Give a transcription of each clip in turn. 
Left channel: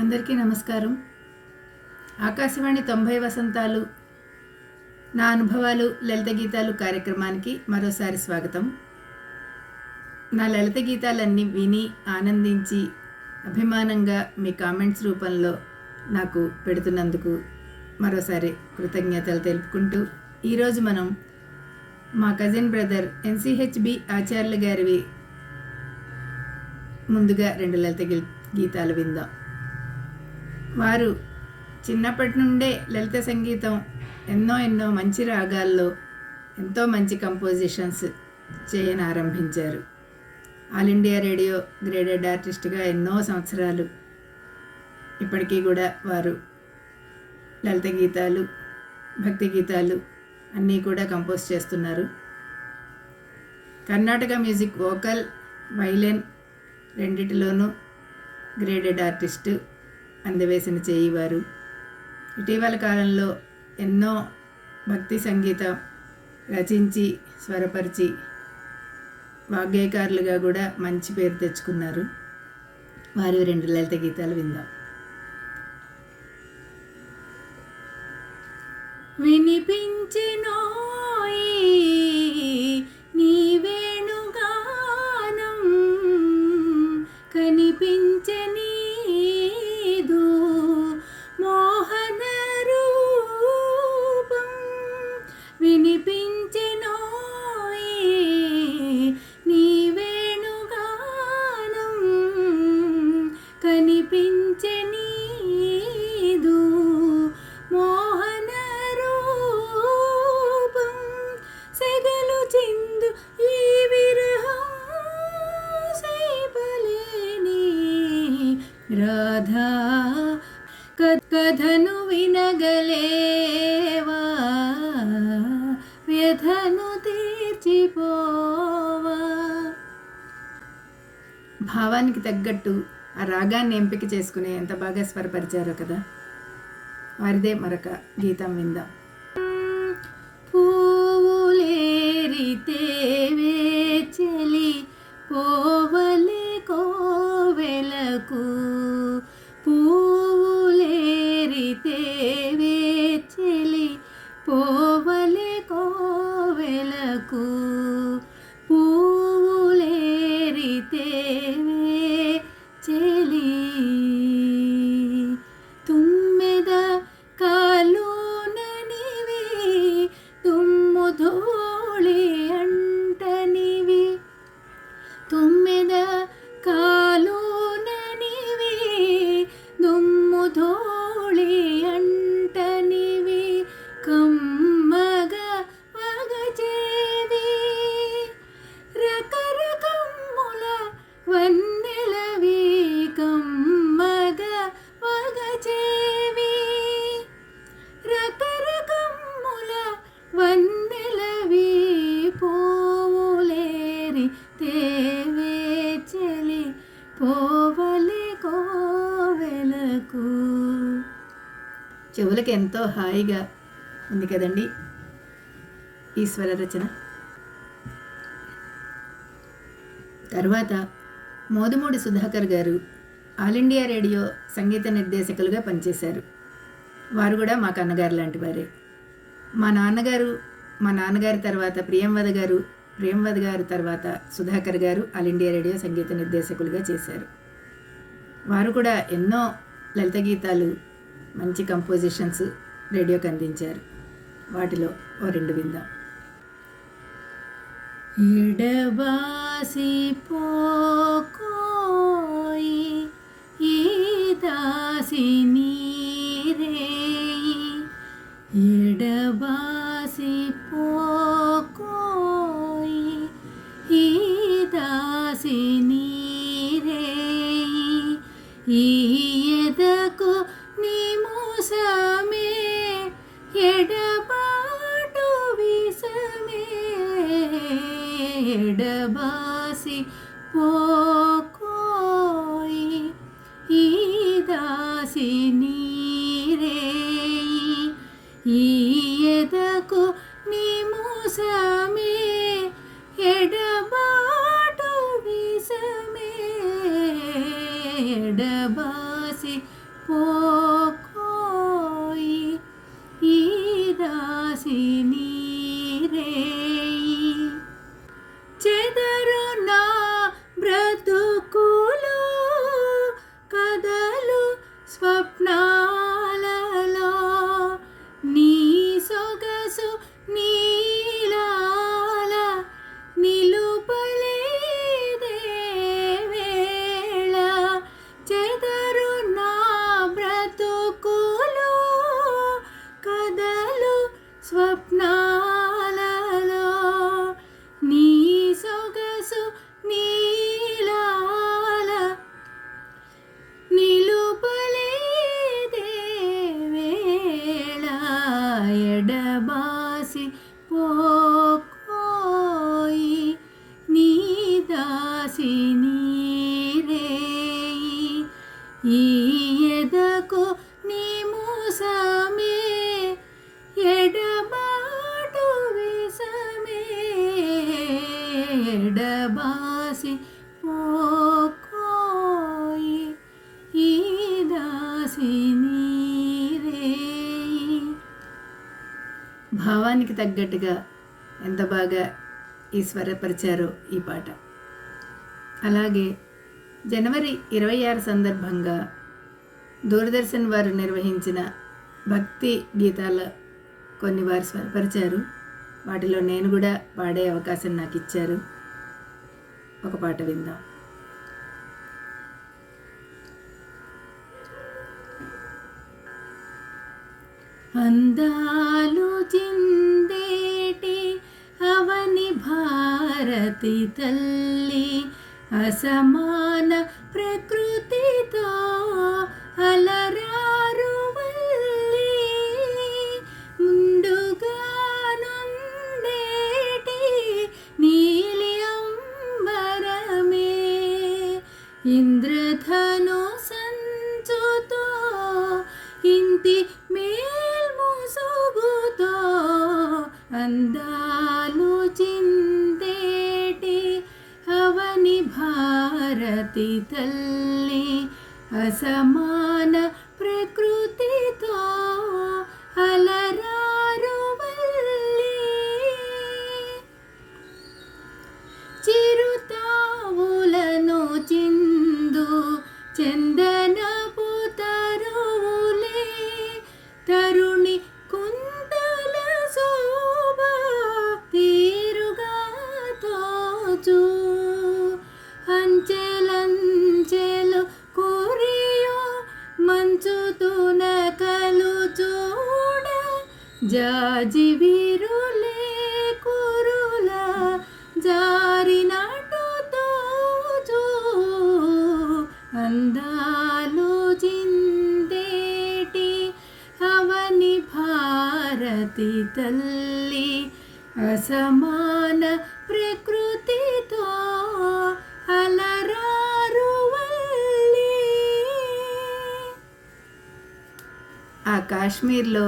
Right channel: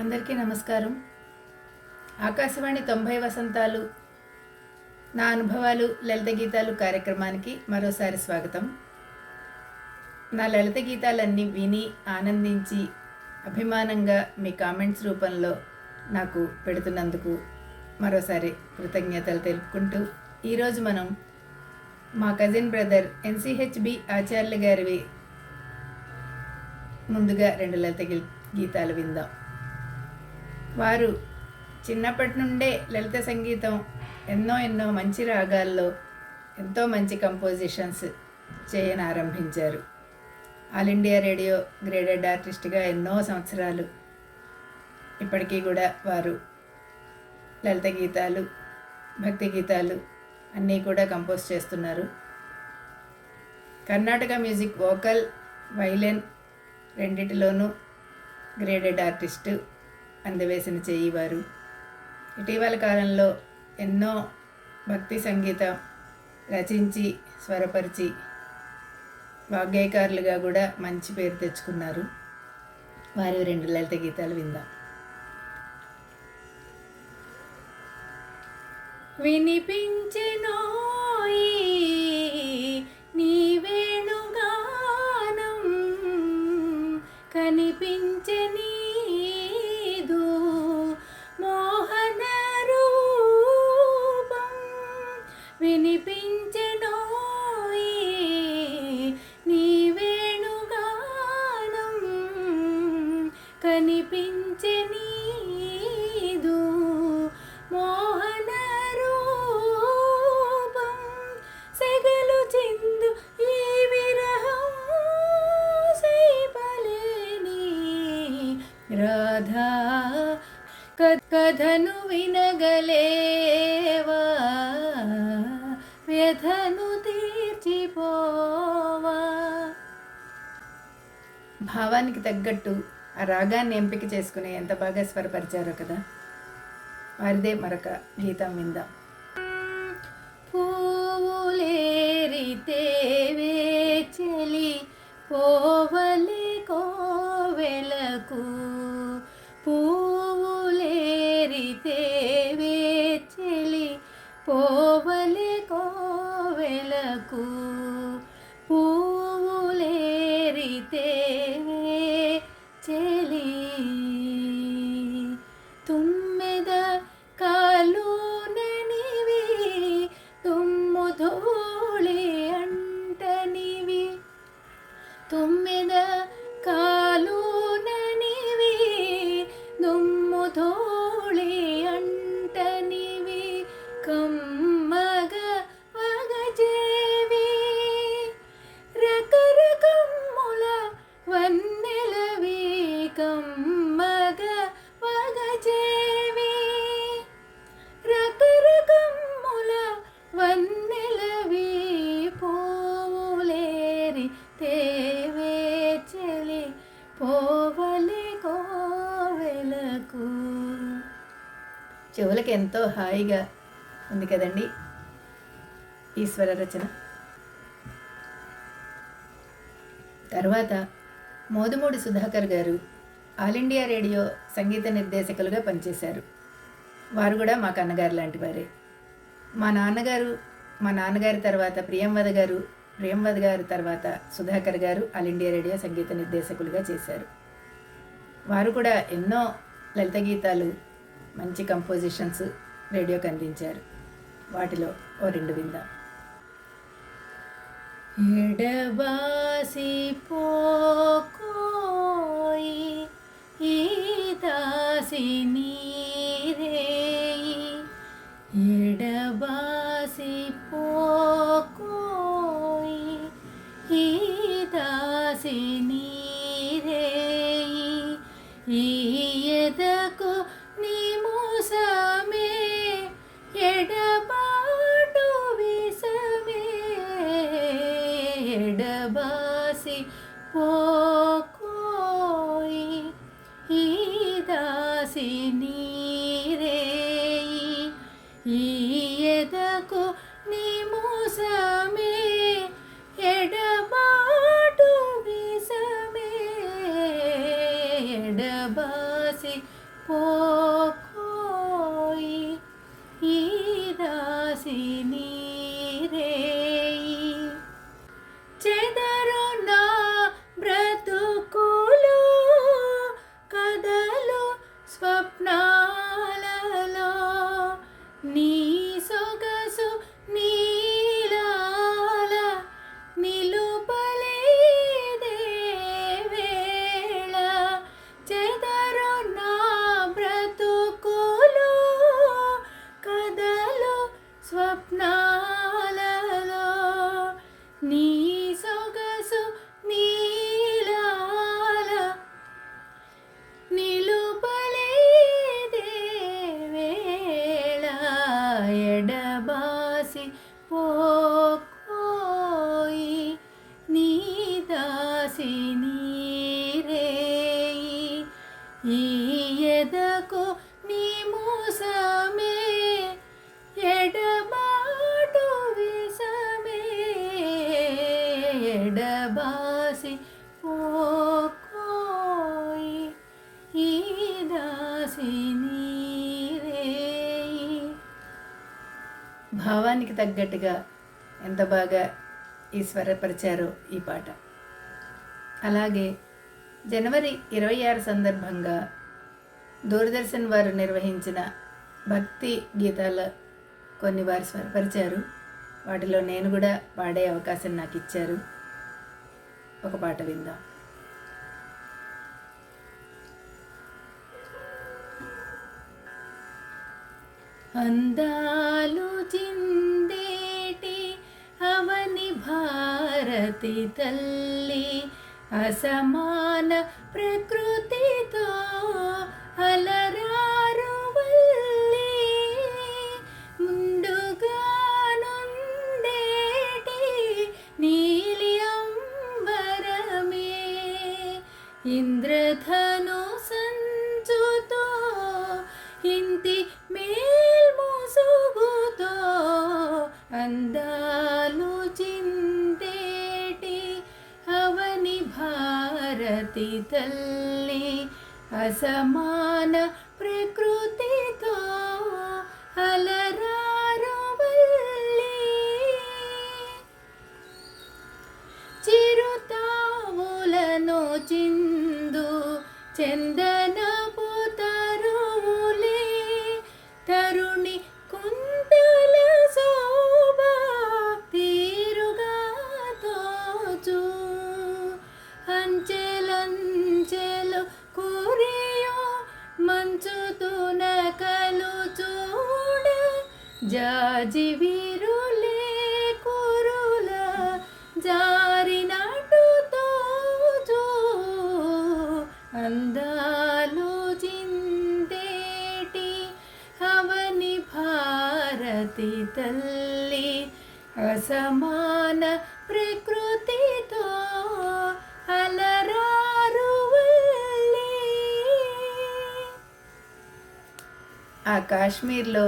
అందరికీ నమస్కారం. ఆకాశవాణి 90 వసంతాలు నా అనుభవాలు లలిత గీతాలు కార్యక్రమానికి మరోసారి స్వాగతం. నా లలిత గీతాలన్నీ విని ఆనందించి అభిమానంగా మీ కామెంట్స్ రూపంలో నాకు పెడుతున్నందుకు మరోసారి కృతజ్ఞతలు తెలుపుకుంటూ ఈరోజు మనం మా కజిన్ బ్రదర్ ఎన్సిహెచ్బి ఆచార్యుల గారివి ముందుగా 2 లలిత గీతాలు విందాం. వారు చిన్నప్పటి నుండే లలిత సంగీతం ఎన్నో మంచి రాగాల్లో ఎంతో మంచి కంపోజిషన్స్ చేయని ఆరంభించారు. ఆల్ ఇండియా రేడియో గ్రేడెడ్ ఆర్టిస్ట్గా ఎన్నో సంవత్సరాలు ఇప్పటికీ కూడా వారు లలిత గీతాలు, భక్తి గీతాలు అన్నీ కూడా కంపోజ్ చేస్తున్నారు. కర్ణాటక మ్యూజిక్ వోకల్, వైలెన్ రెండిటిలోనూ గ్రేడెడ్ ఆర్టిస్టు అందవేసిన చేయివారు. ఇటీవల కాలంలో ఎన్నో భక్తి సంగీతం రచించి స్వరపరిచి వాగ్గేయకారులుగా కూడా మంచి పేరు తెచ్చుకున్నారు. వారి 2 లలిత గీతాలు విందాం. వినిపించెనోయి నీ వేణుగానం, కనిపించె నీదు మోహన రూపం. వినిపించెనోయి నీ వేణుగానం, కనిపించె నీదు మోహన రూపం. సెగలు చిందు ఈ విరహం సైపలేని రాధా, కథను వినగలేవా, వ్యధను తీర్చిపోవా. భావానికి తగ్గట్టు ఆ రాగాన్ని ఎంపిక చేసుకుని ఎంత బాగా స్వరపరిచారో కదా. వారిదే మరొక గీతం విందాం. పూవులేరితేవే చెలి పోవలి కోవెలకు, పూవులేరితేవే చెలి పోవలి కోవెలకు, పూవులేరితేవే చెలి. తుమ్మెద కాలుననివి, తుమ్ము ధూళి అంటనివి. తుమ్మెద కాలుననివి, దుమ్ము ధూళి అంటనివి. కమ్మగ వగచేవి రకరకమ్ముల వన్నెలవి. కమ్మగ వగచేవి రకరకమ్ముల వన్నెలవి. పోవులేరి తేవే చెలి పోవలి కోవెలకు. చెవులకి ఎంతో హాయిగా ఉంది కదండి ఈ స్వర రచన. తర్వాత మోదుమూడి సుధాకర్ గారు ఆల్ ఇండియా రేడియో సంగీత నిర్దేశకులుగా పనిచేశారు. వారు కూడా మాకు అన్నగారు లాంటి వారే. మా నాన్నగారి తర్వాత ప్రియంవద గారు తర్వాత సుధాకర్ గారు ఆల్ ఇండియా రేడియో సంగీత నిర్దేశకులుగా చేశారు. వారు కూడా ఎన్నో లలిత గీతాలు, మంచి కంపోజిషన్స్ రేడియోకి అందించారు. వాటిలో ఓ 2 విందాం. ఎడబాసి పోకోయి ఈ దాసి నీరేయి, ఎడబాసి పోకోయి ఈ దాసి నీరేయి. ఈ ఎదకు నీ మోసమే ఎడబాటు విసమే, ఎడబాసి పోకోయి ఈ దాసి నీరేయి. ఈ ఎదకు నీ మోసమే ఎడబాటు విసమే, ఎడబాసి పోకోయి ఈ దాసిని రేయి చెదరు నా బ్రతుకులో కదలు స్వప్నాలలో నీ సొగసు నీలాల నిలుపలేదే వేళ చెదరు నా బ్రతుకులో కదలు స్వప్నాలలో నీ సొగసు నీలాల నిలుపలేదే వేళ ఎడబాసి పోకోయి నీ దాసిని రేయి ఈ ఎదకు నీ మూసమే ఎడబాటు విసమే ఎడబాసి పోకోయి ఈ దాసిని రేయి. భావానికి తగ్గట్టుగా ఎంత బాగా ఈ స్వరపరిచారో ఈ పాట. అలాగే జనవరి 26 సందర్భంగా దూరదర్శన్ వారు నిర్వహించిన భక్తి గీతాల కొన్ని వారు స్వరపరిచారు. వాటిలో నేను కూడా పాడే అవకాశం నాకు ఇచ్చారు. ఒక పాట విందాం. అందాలు చిందేటి అవని భారతి తల్లి అసమాన ప్రకృతితో అలరారు వల్లి ముందుగా నుండేటి నీలి అంబరమే ఇంద్రధను సంచుతో ఇంటి మేల్మోసుగుతో అందాలు చిందేటి అవని భారతి తల్లి అసమాన ప్రకృతితో అలరారు వల్లి చిరుతావులను చిందు చందనపు తరువులే తరుణి కుందల శోభ తీరుగా తోచు అంచెలంచెలు కురియో మంచుతున కలు చూడ జాజి వీరులే కురుల జారినట్టు తోచు అందాలు చిందేటి అవని భారతి తల్లి అసమాన ప్రకృతితో అలరారు వల్లి. ఆ కాశ్మీర్లో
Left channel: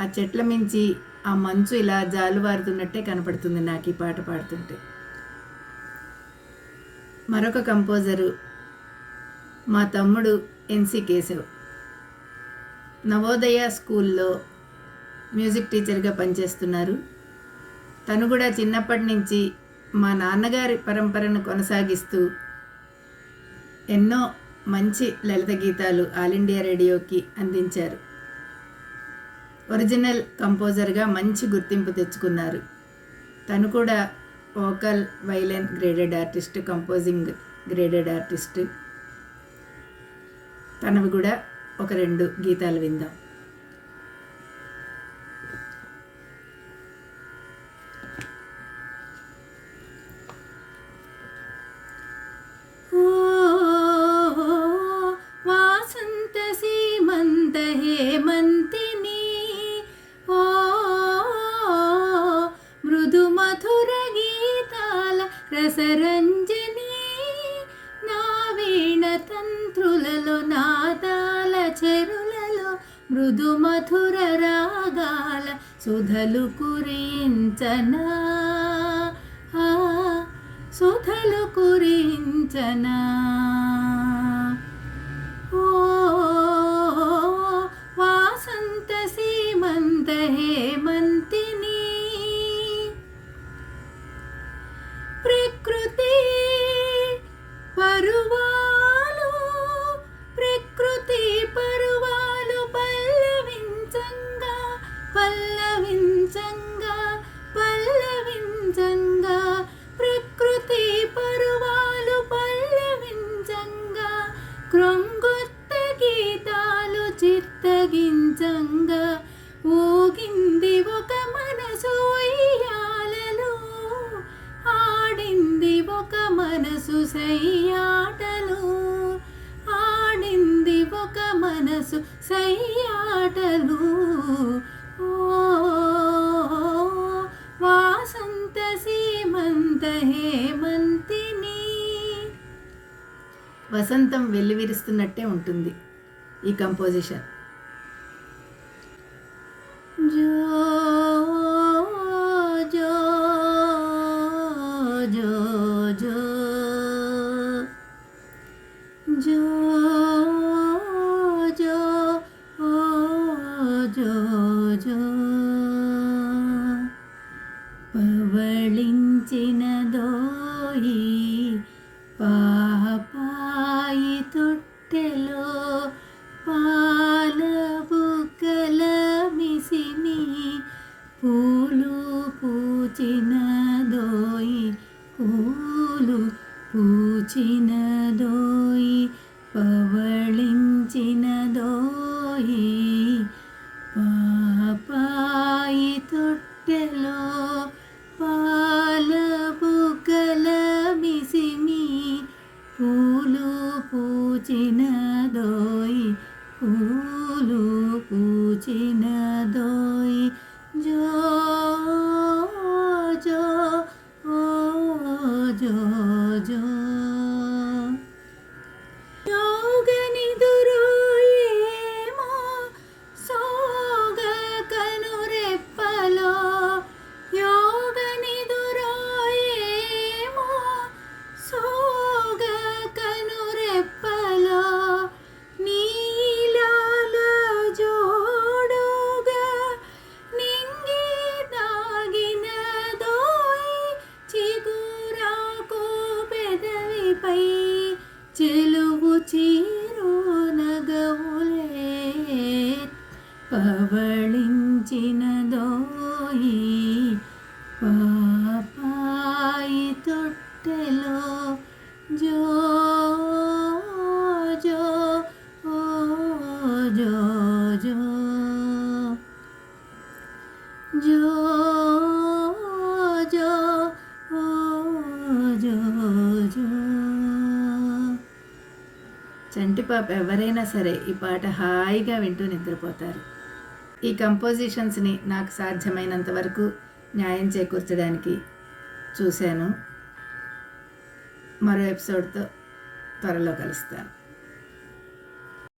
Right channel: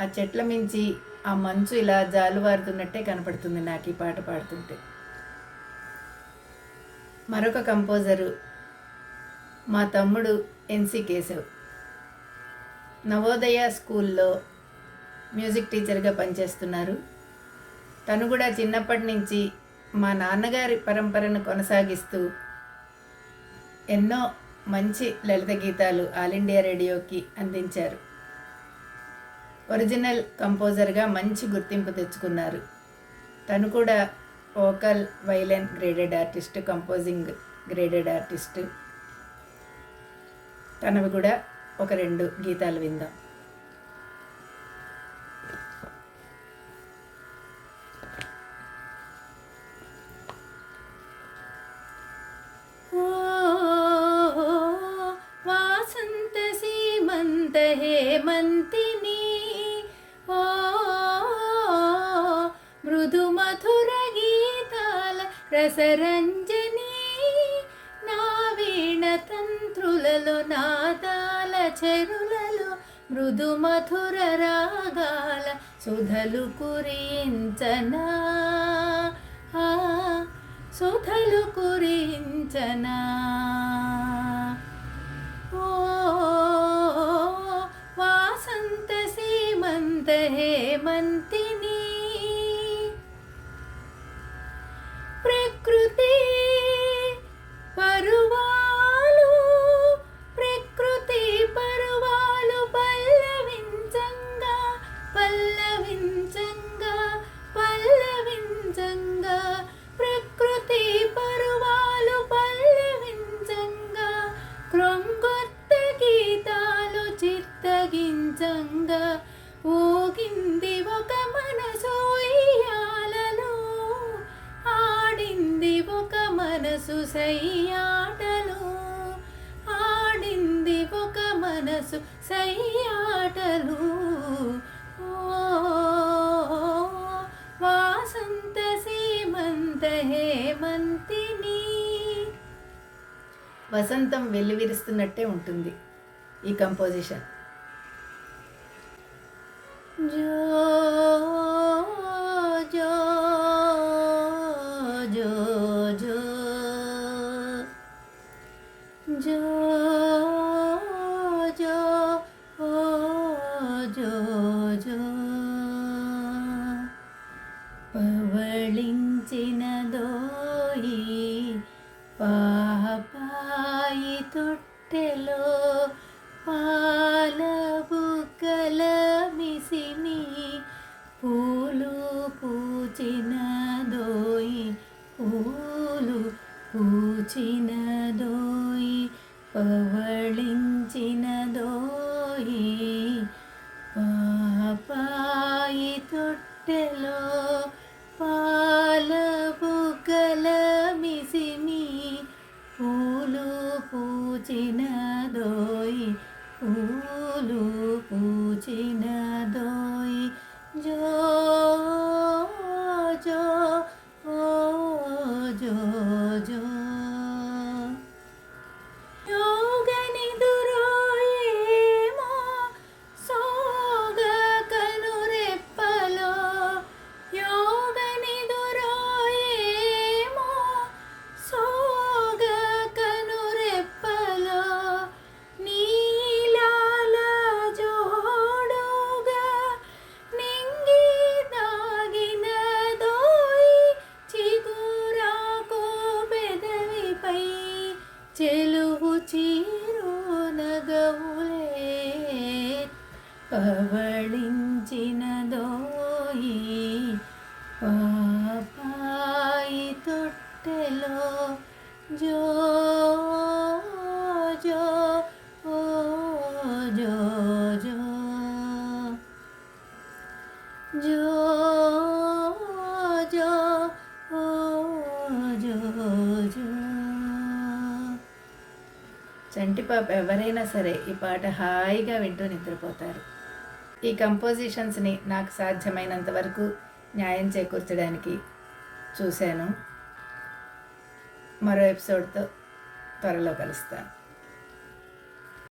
ఆ చెట్ల మించి ఆ మంచు ఇలా జాలువారుతున్నట్టే కనపడుతుంది నాకు ఈ పాట పాడుతుంటే. మరొక కంపోజరు మా తమ్ముడు ఎన్సి కేశవ్. నవోదయ స్కూల్లో మ్యూజిక్ టీచర్గా పనిచేస్తున్నారు. తను కూడా చిన్నప్పటి నుంచి మా నాన్నగారి పరంపరను కొనసాగిస్తూ ఎన్నో మంచి లలిత గీతాలు ఆల్ ఇండియా రేడియోకి అందించారు. ఒరిజినల్ కంపోజర్గా మంచి గుర్తింపు తెచ్చుకున్నారు. తను కూడా vocal violin graded artist, composing graded artist. తనవి కూడా ఒక 2 గీతాలు విందాం. వాసంత సీమంత హేమంతిని ఓ మృదు మధుర గీతాల రసరంజని నా వీణ తంత్రులలో నాదాల చెరులలో మృదు మధుర రాగాల సుధలు కురించనా సుధలు కురించనా ఓ క్రొంగొత్త గీతాలు చిత్తగించంగా ఊగింది ఒక మనసు ఉయ్యాలలో, ఆడింది ఒక మనసు సయ్యాటలు, ఆడింది ఒక మనసు సయ్యాటలు. ఓ వాసంత సీమంత హేమంతిని. వసంతం వెల్లివిరుస్తున్నట్టే ఉంటుంది ఈ కంపోజిషన్. జో జో జో జో జో జో ఓ జో జో పవళించినదోయి పాపాయి తొట్టెలో పాల బుగ్గల మిసిని, పూలు పూచినదోయి పూలు పూచినదోయి పవళించినదోయి పాపాయి తొట్టెలో పాల బుగ్గల మిసిని, పూలు పూచినదోయి పూలు పూచినదోయి. జో జో ఓ జో జో యోగనిదురోయేమో సోగ కనురెప్పలో, యోగనిదురోయేమో సోగ కనురెప్పలో, నీలాల జోడుగా నింగి దాగినదోయి చిగురాకు పెదవిపై చెలువు చీరు నగవులే, పవళించినదోయి పాపాయి తొట్టెలో. జో జో ఓ జో జో జో జో ఓ జో జో. చంటిపాప ఎవరైనా సరే ఈ పాట హాయిగా వింటూ నిద్రపోతారు. ఈ కంపోజిషన్స్ని నాకు సాధ్యమైనంత వరకు న్యాయం చేకూర్చడానికి చూశాను. మరో ఎపిసోడ్తో త్వరలో కలుస్తాను.